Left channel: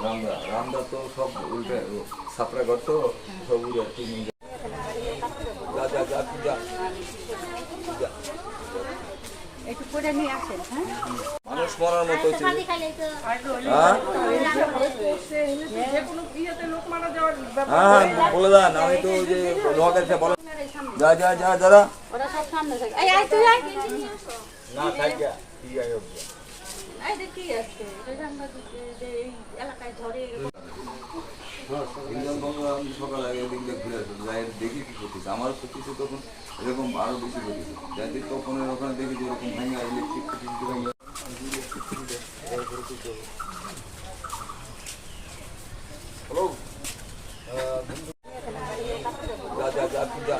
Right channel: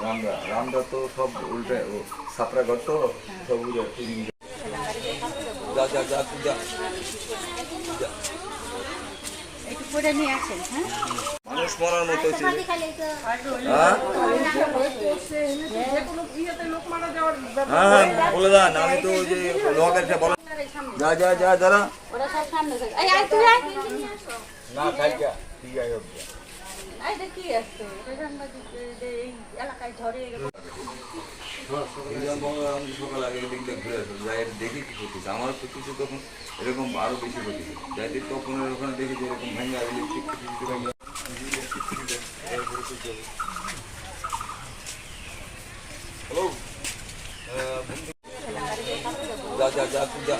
রামরা রামরা তো সব উল্টে সাপড়া ঘর তো, সব উড়ে টিনি যা যা যা যা। একটু করে নিয়ে আসেন হ্যাঁ? মানুষ মরার মতো হচ্ছে হ্যাঁ? হ্যাঁ বলে দেন, আমি তো ওই যে লোকের বলে যা যা যা, দাদা। না থাক যা, তুই যাই হোক, যা। এই দেখ কি করতেছে আমার করতেছে তখন এরকম আরও বেশি যাই দেখি তখন ওখানে দেখি যে এরকম ভেঙে হ্যালো যা যা যা তুই যা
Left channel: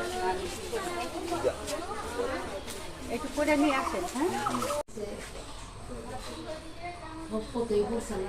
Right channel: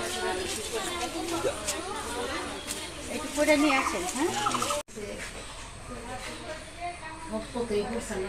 একটু করে নিয়ে আসেন হ্যাঁ? ভক্তকেই বলছেন